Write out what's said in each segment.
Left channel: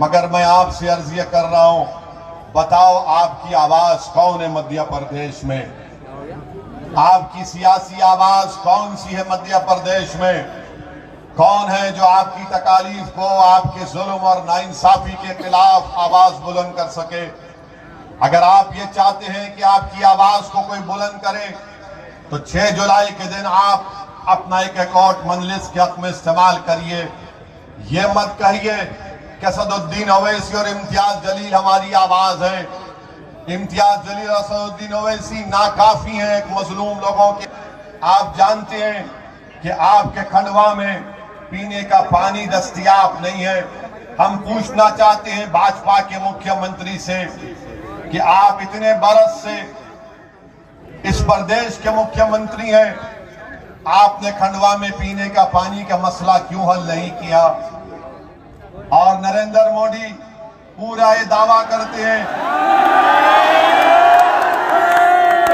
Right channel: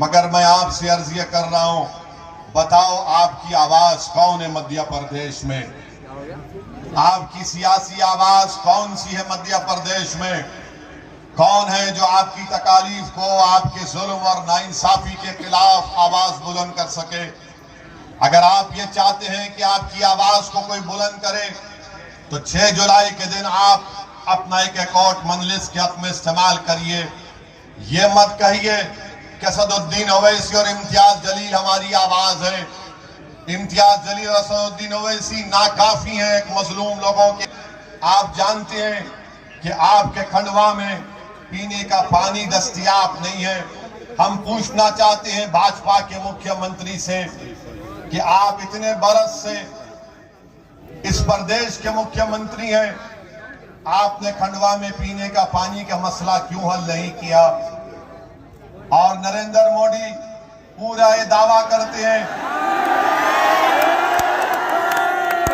मगर मैं आपसे अर्ज ये कर रहा हूं, बताओ आपकी आवाज कौन है मध्य प्रदेश में? आपकी सियासी आवाज कौन सी है मध्य प्रदेश में? कौन है जो आपकी तकालीफ को, आपके जुल्म और नाइंसाफी के खिलाफ आवाज बुलंद कर सके? अगर आप ये चाहते हैं कि आपकी आवाज को कोई बुलंद करे तो 6 जुलाई के दिन आप अपना एक अकाउंट मजलिस के हक में इस्तेमाल करिए। ये मत कहिए कि असदुद्दीन ओवैसी और इम्तियाज जलील हमारी आवाज है। इम्तियाज जलील और असदुद्दीन ओवैसी नाकाफी हैं एक मजलूम लोगों के। आप जानते हैं कि आपके खंडवा में पीने का पानी दस्तयाब नहीं है। हम पूछना चाहते हैं भाजपा के मुख्यमंत्री से कि आप इतने बरस से इस प्रदेश के मुख्यमंत्री हैं, आपने खंडवा में पीने का पानी का मसला क्यों हल नहीं किया? और नरेंद्र मोदी पूरा ये दावा करते हैं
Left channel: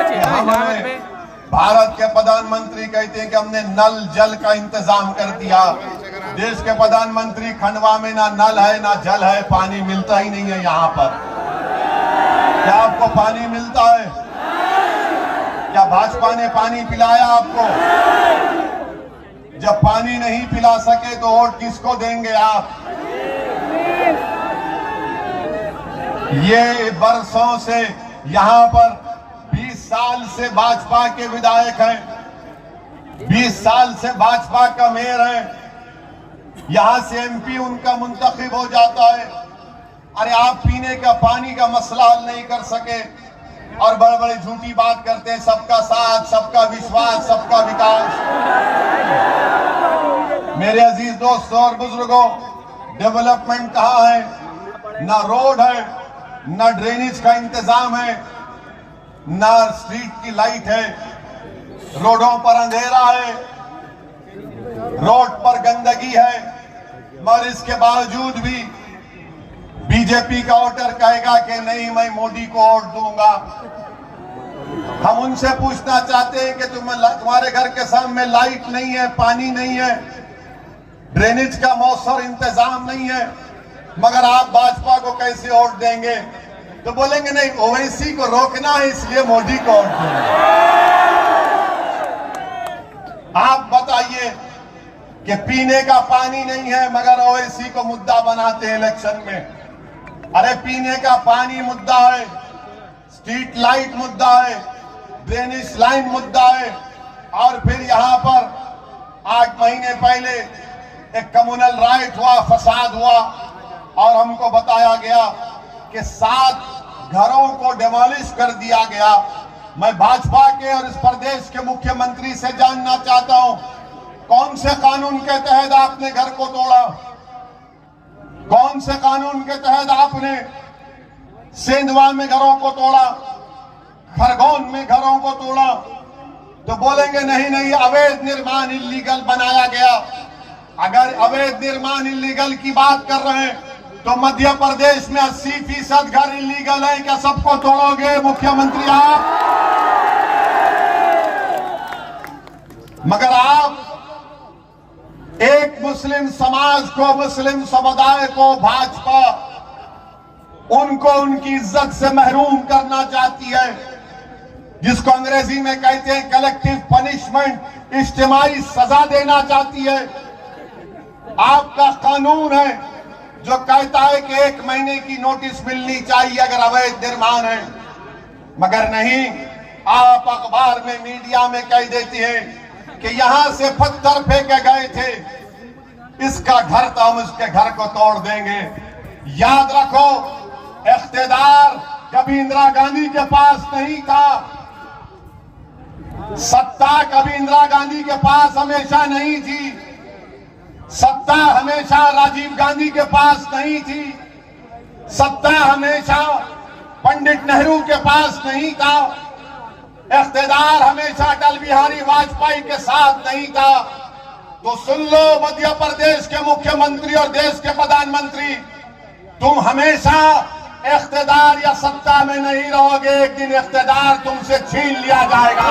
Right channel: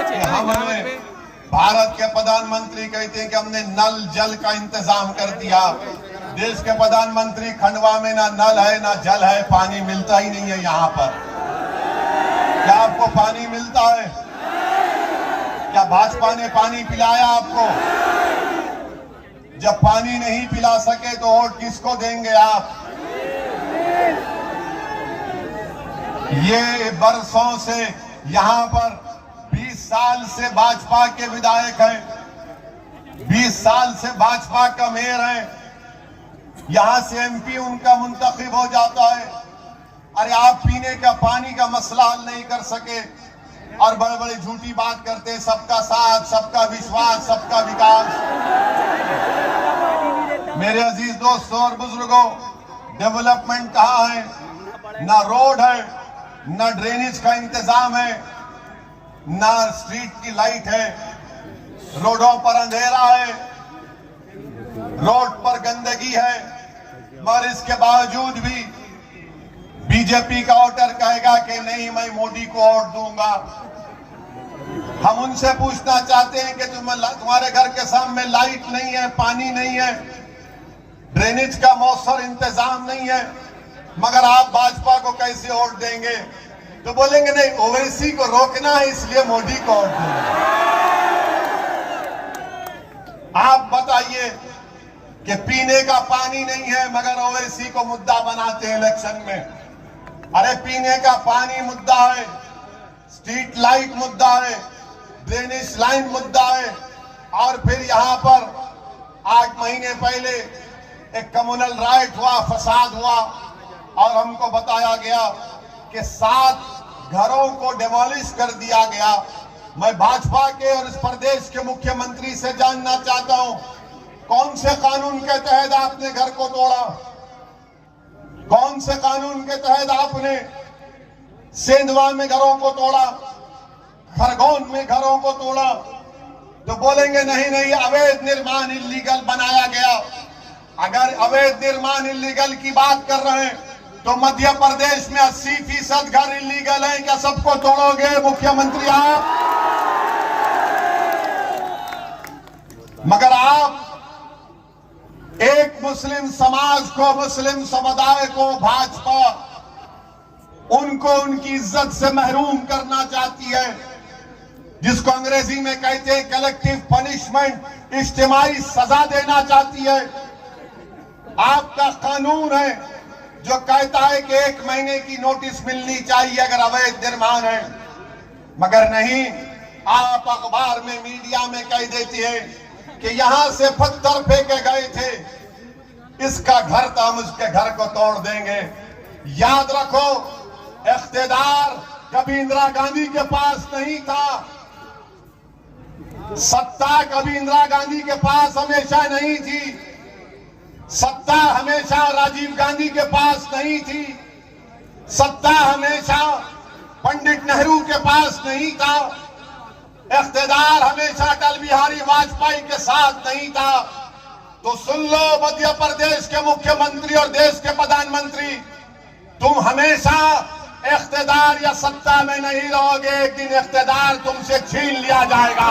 कि हमने, भारत के प्रधानमंत्री कहते हैं कि हमने नल जल का इंतजाम कर दिया। देश के प्रधानमंत्री खंडवा में ना नल है ना जल है, पानी मिलता ही नहीं है। यहाँ पर क्या आपको पानी मिलता है? क्या भाजपा ने पानी पिलाया आपको? जब पानी नहीं पिला सके तो वोट किसको देंगे आप? ये बरसों से यहाँ पर 20 साल से भाजपा के विधायक हैं, 20 साल से भाजपा का मेयर है, यहां से एमपी उनका मुंतखब हो जाता है। अरे आप पीने का पानी का मसला हल नहीं कर सके और बड़े बड़े झूठी बात करते हैं, सबका साथ, सबका विश्वास, सबका विकास। मेरे अजीज दोस्तों और बुजुर्गों, डेवलपमेंट कहाँ है? ना रोड है, ना ड्रेनेज का इंतजाम है, ना स्ट्रीट की लाइट है, रोडों पर अंधेरा है, रोड पर गंदगी है। मगर इसके बावजूद भी बीजेपी का वोटर कहेगा कि नहीं, मैं मोदी को वोट दूंगा। हम उनसे पूछना चाहते हैं कि तुम्हारे घर के सामने लाइट नहीं है, पानी नहीं है, ड्रेनेज का मौसर इंतजाम नहीं है, मगर आप भाजपा को कैसे वोट देंगे? तो बोलेंगे नहीं, ओवैसी को रोकना है इसलिए मोदी को वोट देंगे। आप बताइए कि पीने का पानी नहीं है मगर ओवैसी को मुद्दा बनाते हैं इलेक्शन में। अरे पीने का पानी मुद्दा है, स्ट्रीट लाइट मुद्दा है, ड्रेनेज लाइन मुद्दा है। और फिर यहाँ पर 8 महीने पहले एक कम्युनल राइट हुआ, फसाद हुआ और हमको बताया गया कि 7 घरों को डिमोलिश कर दिया गया। मैं भाजपा के और इस प्रदेश के मुख्यमंत्री से जानना चाहता हूं, कौन से कानून के तहत आपने घर को तोड़ा? कौन से कानून के तहत आपने सेंधवा में घरों को तोड़ा, खरगोन में घरों को तोड़ा? तो बोलेंगे नहीं नहीं, अवैध निर्माण इल्लीगल बनाया गया। अगर अवैध निर्माण इल्लीगल की बात कर रहे हैं तो मध्य प्रदेश में 80% घर इल्लीगल है। क्या सबको तोड़ोगे मुख्यमंत्री आप? मगर आप एक मुस्लिम समाज को, मुस्लिम समुदाय को भाजपा उनको उनकी इज्जत से महरूम करना चाहती है, जिसको अंग्रेजी में कहते हैं कलेक्टिव पनिशमेंट, इज्तिमाई सजा देना चाहती है। आपका कानून है जो कहता है कि 1 महीने की नोटिस मिलनी चाहिए अगर अवैध निर्माण है, मगर नहीं, आप अखबार में, मीडिया में कह देती है कि यहां से पत्थर फेंके गए थे, इसका घर था, हम उसके घर को तोड़ देंगे। याद रखो, इख्तियार कभी इंदिरा गांधी के पास नहीं था, सत्ता कभी इंदिरा गांधी के पास हमेशा नहीं थी, सत्ता हमेशा राजीव गांधी के पास नहीं थी, सत्ता हमेशा पंडित नेहरू के पास नहीं था, इख्तियार हमेशा अटल बिहारी वाजपेयी के साथ नहीं था। तो सुन लो मध्य प्रदेश के मुख्यमंत्री और देश के प्रधानमंत्री, तुम हमेशा इख्तियार या सत्ता में नहीं रहोगे, एक दिन इख्तियार तुमसे छीन लिया जाएगा।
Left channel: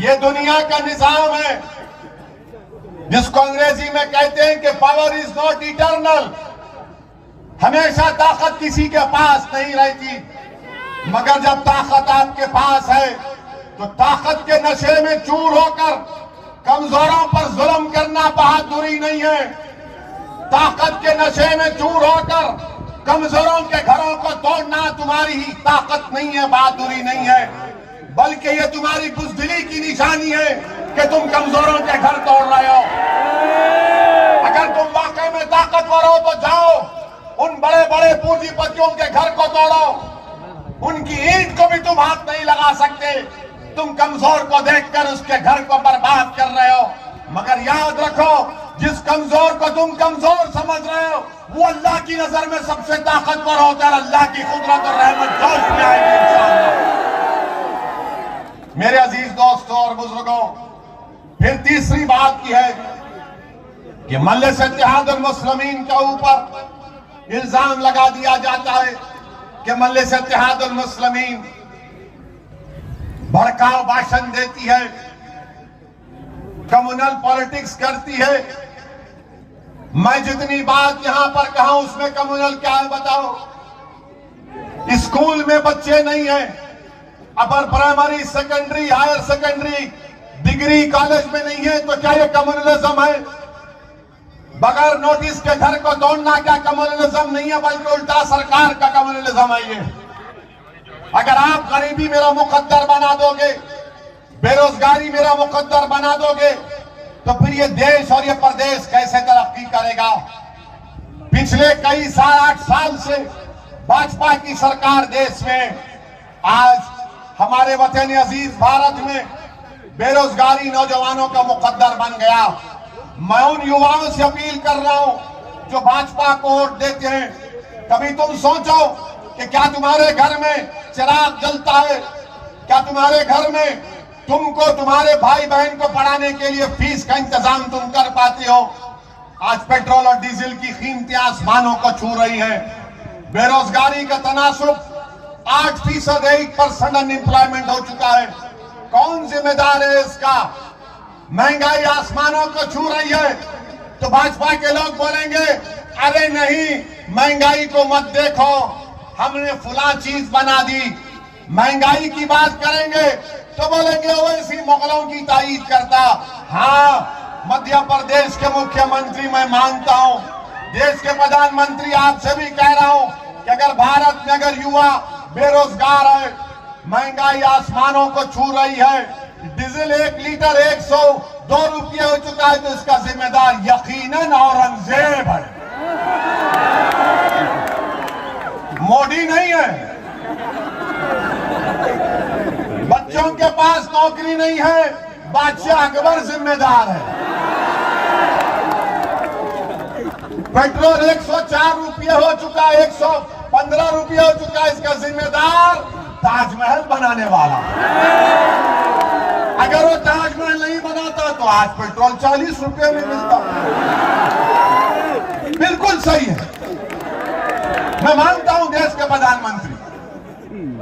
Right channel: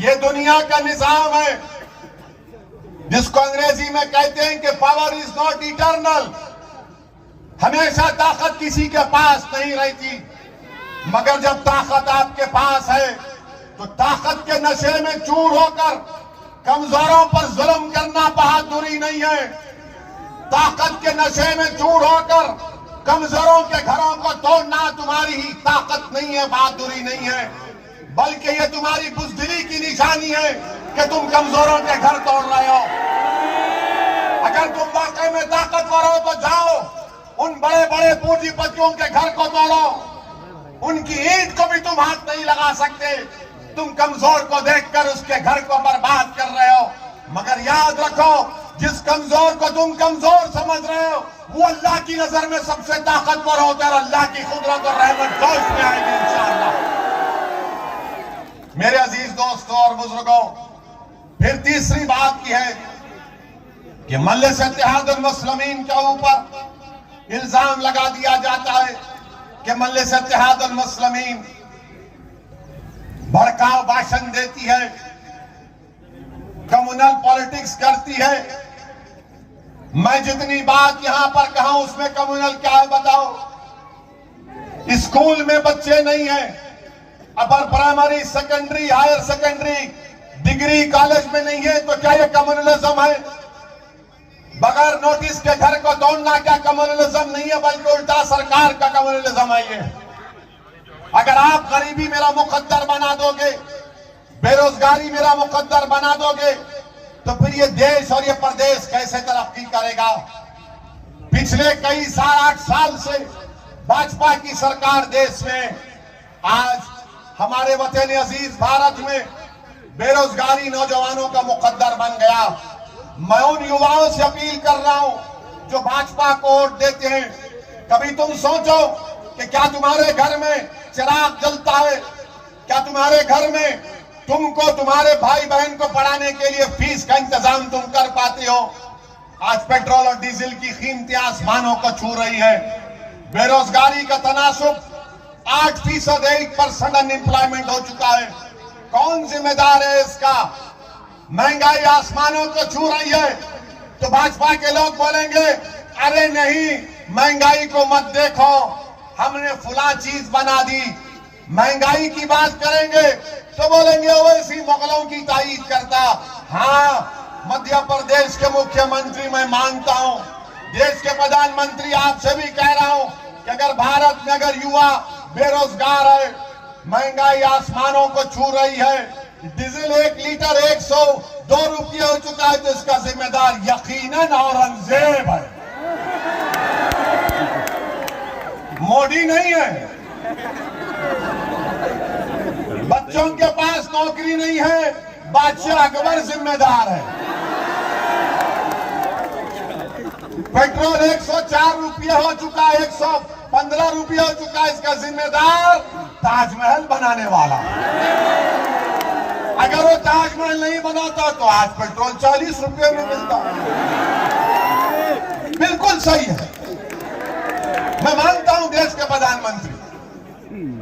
ये दुनिया का निजाम है। जिसको अंग्रेजी में कहते हैं कि पावर इज नॉट इटर्नल। हमेशा ताकत किसी के पास नहीं रहती, मगर जब ताकत आपके पास है तो ताकत के नशे में चूर होकर कमजोरों पर जुल्म करना बहादुरी नहीं है। ताकत के नशे में चूर होकर कमजोरों के घरों को तोड़ना तुम्हारी ही ताकत नहीं है, बहादुरी नहीं है, बल्कि ये तुम्हारी बुज़दिली की निशानी है कि तुम कमजोरों के घर तोड़ रहे हो। अगर तुम वाकई में ताकतवर हो तो जाओ उन बड़े बड़े पूंजीपतियों के घर को तोड़ो, उनकी ईंट को भी तुम हाथ नहीं लगा सकते। तुम कमजोर को देखकर उसके घर को बर्बाद कर रहे हो। मगर याद रखो, जिस कमजोर को तुम कमजोर समझ रहे हो वो अल्लाह की नजर में सबसे ताकतवर होकर अल्लाह की कुदरत और रहमत जोश में आएगी इंशाअल्लाह। मेरे अजीज दोस्तों और बुजुर्गों, फिर तीसरी बात की है कि मजलिस इत्तेहाद मुस्लिमीन के ऊपर इल्जाम लगा दिया जाता है कि मजलिस इत्तेहाद मुस्लिमीन भड़काऊ भाषण देती है, कम्युनल पॉलिटिक्स करती है। मैं जितनी बात यहां पर कहा उसमें कम्युनल क्या है बताओ? स्कूल में बच्चे नहीं हैं, upper primary, secondary, higher secondary, degree college में नहीं है, तो क्या ये कम्युनलिज्म है? बगैर नोटिस के घर को तोड़ना क्या कम्युनलिज्म नहीं है, बल्कि उल्टा सरकार का कम्युनलिज्म है ये। अगर आप गरीबी मेरा मुकद्दर बना दोगे, बेरोजगारी मेरा मुकद्दर बना दोगे, तो फिर ये देश और ये प्रदेश कैसे तरक्की करेगा? पिछले कई साल, 8 साल से भाजपा की सरकार देश में, आज हमारे वतन अजीज भारत में बेरोजगारी नौजवानों का मुकद्दर बन गया। मैं उन युवाओं से अपील कर रहा हूं जो भाजपा को वोट देते हैं, कभी तुम सोचो कि क्या तुम्हारे घर में चिराग जलता है? क्या तुम्हारे घर में तुमको, तुम्हारे भाई बहन को पढ़ाने के लिए फीस का इंतजाम तुम कर पाते हो? आज पेट्रोल और डीजल की कीमतें आसमानों को छू रही है। बेरोजगारी का तनासुब 8%, 8% अनएम्प्लॉयमेंट हो चुका है। कौन जिम्मेदार है इसका? महंगाई आसमानों को छू रही है, तो भाजपा के लोग बोलेंगे अरे नहीं, महंगाई को मत देखो, हमने फुला चीज बना दी। महंगाई की बात करेंगे तो बोलेंगे वैसी मुगलों की तारीफ करता। हाँ, मध्य प्रदेश के मुख्यमंत्री मैं मानता हूं, देश के प्रधानमंत्री आपसे भी कह रहा हूं कि अगर भारत में अगर युवा बेरोजगार है, महंगाई आसमानों को छू रही है, डीजल 1 लीटर 102 रुपये हो चुका है, तो इसका जिम्मेदार यकीनन औरंगजेब है, मोदी नहीं है। बच्चों के पास नौकरी नहीं है, बादशाह अकबर जिम्मेदार है। पेट्रोल 104 रुपये हो चुका, 115 रुपये हो चुका, इसका जिम्मेदार ताजमहल बनाने वाला। अगर वो ताजमहल नहीं बनाता तो आज पेट्रोल 40 रुपये में मिलता। बिल्कुल सही है, मैं मानता हूं देश के प्रधानमंत्री,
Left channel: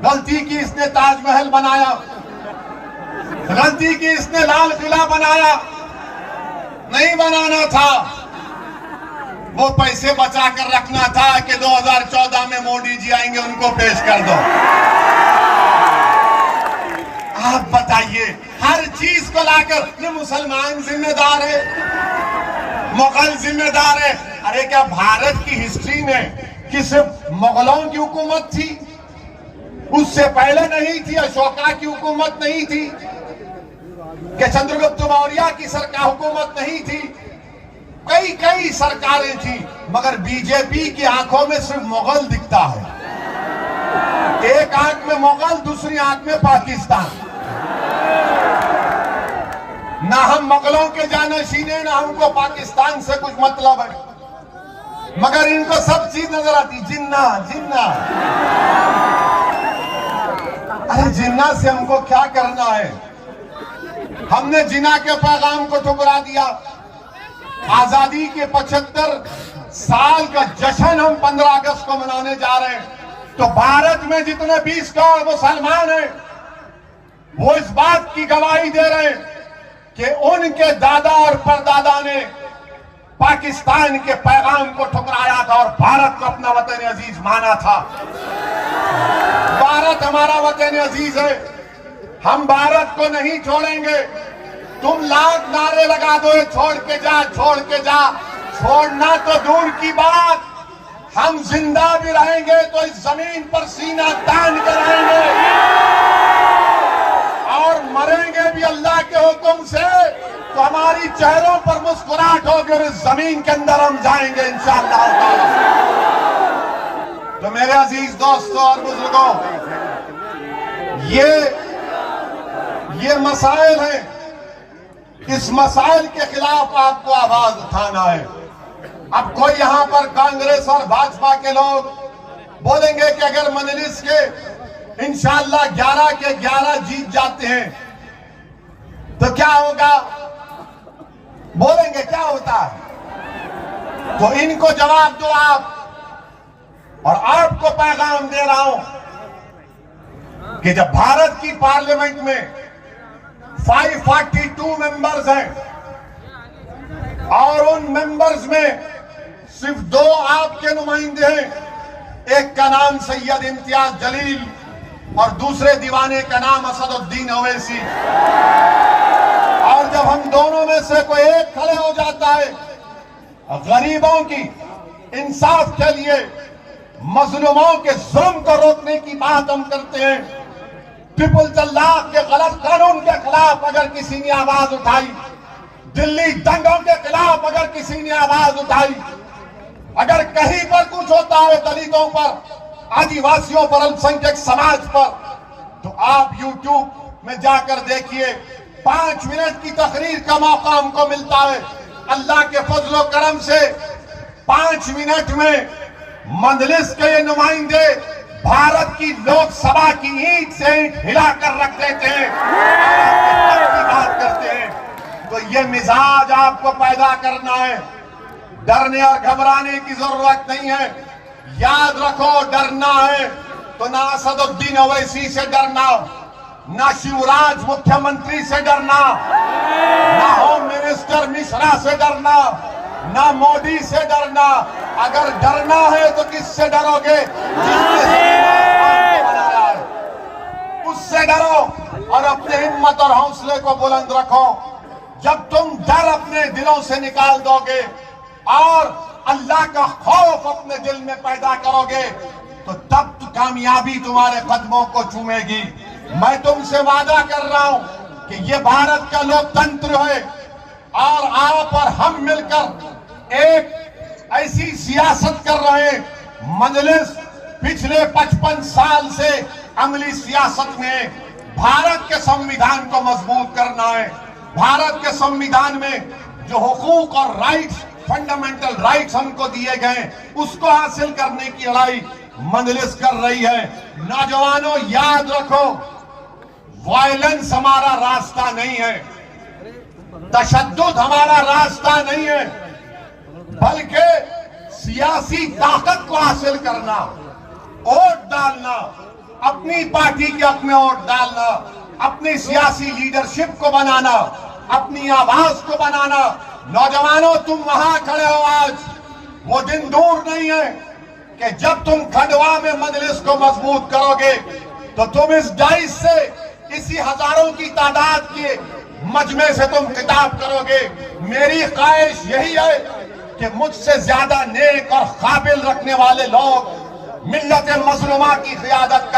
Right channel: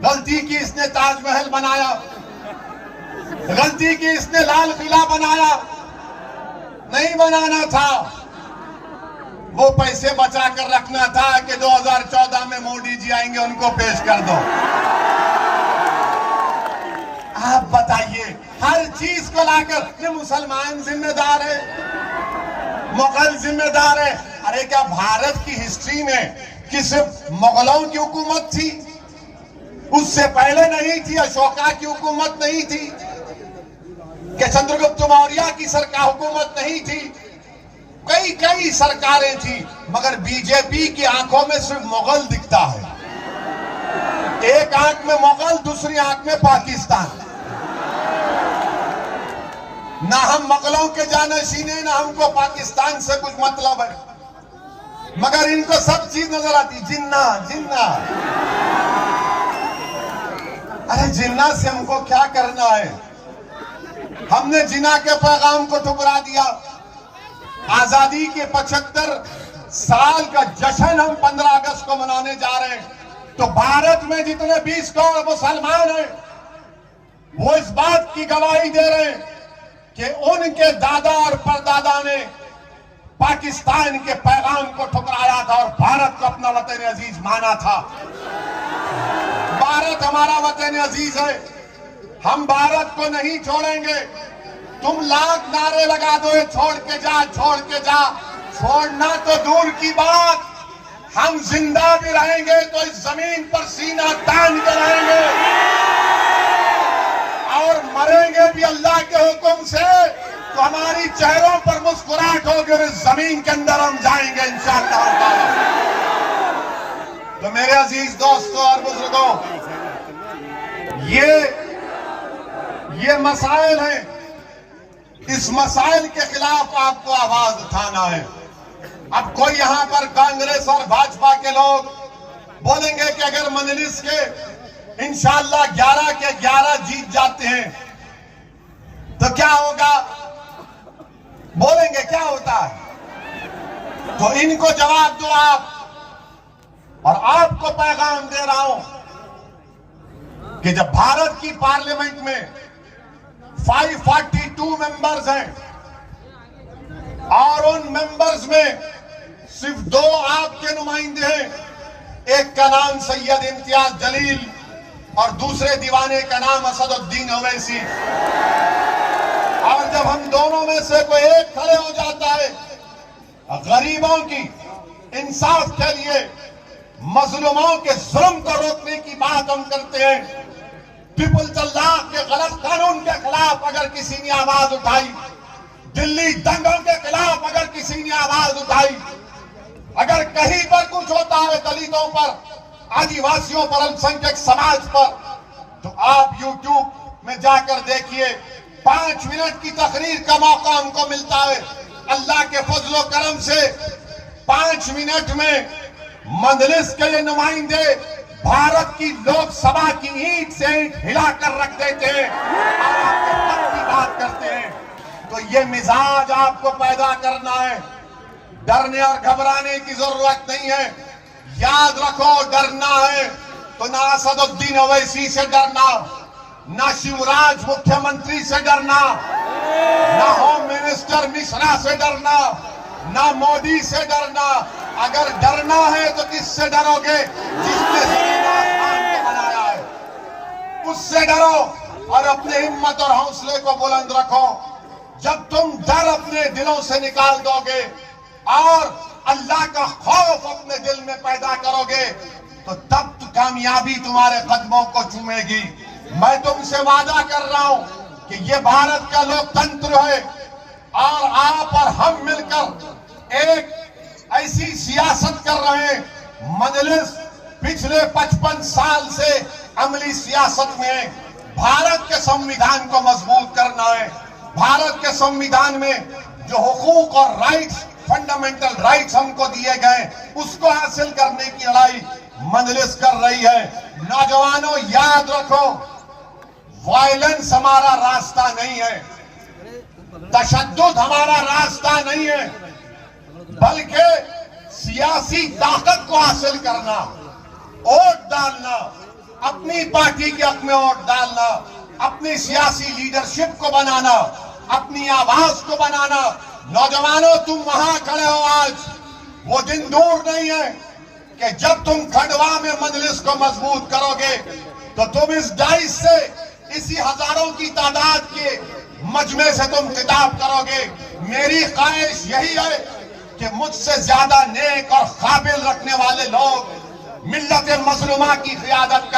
गलती की इसने ताजमहल बनाया, गलती की इसने लाल किला बनाया, नहीं बनाना था। वो पैसे बचा कर रखना था कि 2014 में मोदी जी आएंगे, उनको पेश कर दो। आप बताइए, हर चीज को लाकर ये मुसलमान जिम्मेदार है, मुगल जिम्मेदार है। अरे क्या भारत की हिस्ट्री में कि सिर्फ मुगलों की हुकूमत थी? उससे पहले नहीं थी? अशोका की हुकूमत नहीं थी? कि चंद्रगुप्त मौर्य की सरकार हुकूमत नहीं थी? कई कई सरकारें थी, मगर बीजेपी की आंखों में सिर्फ मुगल दिखता है। एक आंख में मुगल, दूसरी आंख में पाकिस्तान। ना हम मुगलों के जानशीन, ना हमको पाकिस्तान से कुछ मतलब है, मगर इनको सब चीज नजर आती। जिन्ना जिन्ना, अरे जिन्ना से हमको क्या करना है? हमने जिन्ना के पैगाम को ठुकरा दिया। आजादी के 75 साल का जश्न हम 15 अगस्त को मनाने जा रहे हैं, तो भारत में जितने 20 करोड़ मुसलमान हैं वो इस बात की गवाही दे रहे हैं कि उनके दादा और परदादा ने पाकिस्तान के पैगाम को ठुकराया था और भारत को अपना वतन अजीज माना था। भारत हमारा वतन अजीज है, हम भारत को नहीं छोड़ेंगे। तुम लाख नारे लगा दो, छोड़ के जा, छोड़ के जा। छोड़ना तो दूर की बात, हम जिंदा भी रहेंगे तो इस जमीन पर सीना तान कर रहेंगे और मरेंगे भी अल्लाह के हुक्म से। तो हमारी चेहरों पर मुस्कुराहट होगी और इस जमीन के अंदर हम जाएंगे इंशाअल्लाह ताला। तो मेरे अजीज दोस्तों और बुजुर्गों, ये मसाइल हैं, इस मसाइल के खिलाफ आपको आवाज उठाना है। अब कोई यहां पर कांग्रेस और भाजपा के लोग बोलेंगे कि अगर मजलिस के इंशाअल्लाह 11 के 11 जीत जाते हैं तो क्या होगा, बोलेंगे क्या होता है। तो इनको जवाब दो आप, और आपको पैगाम दे रहा हूं कि जब भारत की पार्लियामेंट में 542 मेंबर्स हैं और उन मेंबर्स में सिर्फ 2 आपके नुमाइंदे हैं, एक का नाम सैयद इम्तियाज जलील और दूसरे दीवाने का नाम असदुद्दीन ओवैसी। और जब हम दोनों में से कोई एक खड़े हो जाता है गरीबों की इंसाफ के लिए, मजलूमों के जुल्म को रोकने की बात हम करते हैं, पीपुल्स लॉ के गलत कानून के खिलाफ अगर किसी ने आवाज उठाई, दिल्ली दंगों के खिलाफ अगर किसी ने आवाज उठाई, अगर कहीं पर कुछ होता है दलितों पर, आदिवासियों पर, अल्पसंख्यक समाज पर, तो आप YouTube में जाकर देखिए, 5 मिनट की तकरीर का मौका हमको मिलता है। अल्लाह के फजलो करम से 5 मिनट में मजलिस के ये नुमाइंदे भारत की लोकसभा की ईंट से ईंट हिलाकर रख देते हैं और आपके हक की बात करते हैं। तो ये मिजाज आपको पैदा करना है, डरने और घबराने की जरूरत नहीं है। याद रखो, डरना है तो ना असदुद्दीन ओवैसी से डरना, ना शिवराज मुख्यमंत्री से डरना, ना होम मिनिस्टर मिश्रा से डरना, ना मोदी से डरना। अगर डरना है तो किससे डरोगे? जिसने आसमान को बनाया है, उससे डरो और अपने हिम्मत और हौसले को बुलंद रखो। जब तुम डर अपने दिलों से निकाल दोगे और अल्लाह का खौफ अपने दिल में पैदा करोगे तो तब तो कामयाबी तुम्हारे कदमों को चूमेगी। मैं तुमसे वादा कर रहा हूं कि ये भारत का लोकतंत्र है और आप और हम मिलकर एक ऐसी सियासत कर रहे हैं। मजलिस पिछले 55 साल से अमली सियासत में भारत के संविधान को मजबूत करना है। भारत के संविधान में जो हुकूक और राइट्स, फंडामेंटल राइट्स हमको दिए गए, उसको हासिल करने की लड़ाई मजलिस कर रही है। नौजवानों याद रखो, वायलेंस हमारा रास्ता नहीं है, तशद्दुद हमारा रास्ता नहीं है, बल्कि सियासी ताकत को हासिल करना, वोट डालना, अपनी पार्टी के हक में वोट डालना, अपनी सियासी लीडरशिप को बनाना, अपनी आवाज को बनाना। नौजवानों तुम वहां खड़े हो, आज वो दिन दूर नहीं है कि जब तुम खंडवा में मजलिस को मजबूत करोगे तो तुम इस डाइस से, इसी हजारों की तादाद के मजमे से तुम खिताब करोगे। मेरी ख्वाहिश यही है कि मुझसे ज्यादा नेक और काबिल रखने वाले लोग मिल्लत मजलूमा की क़ियादत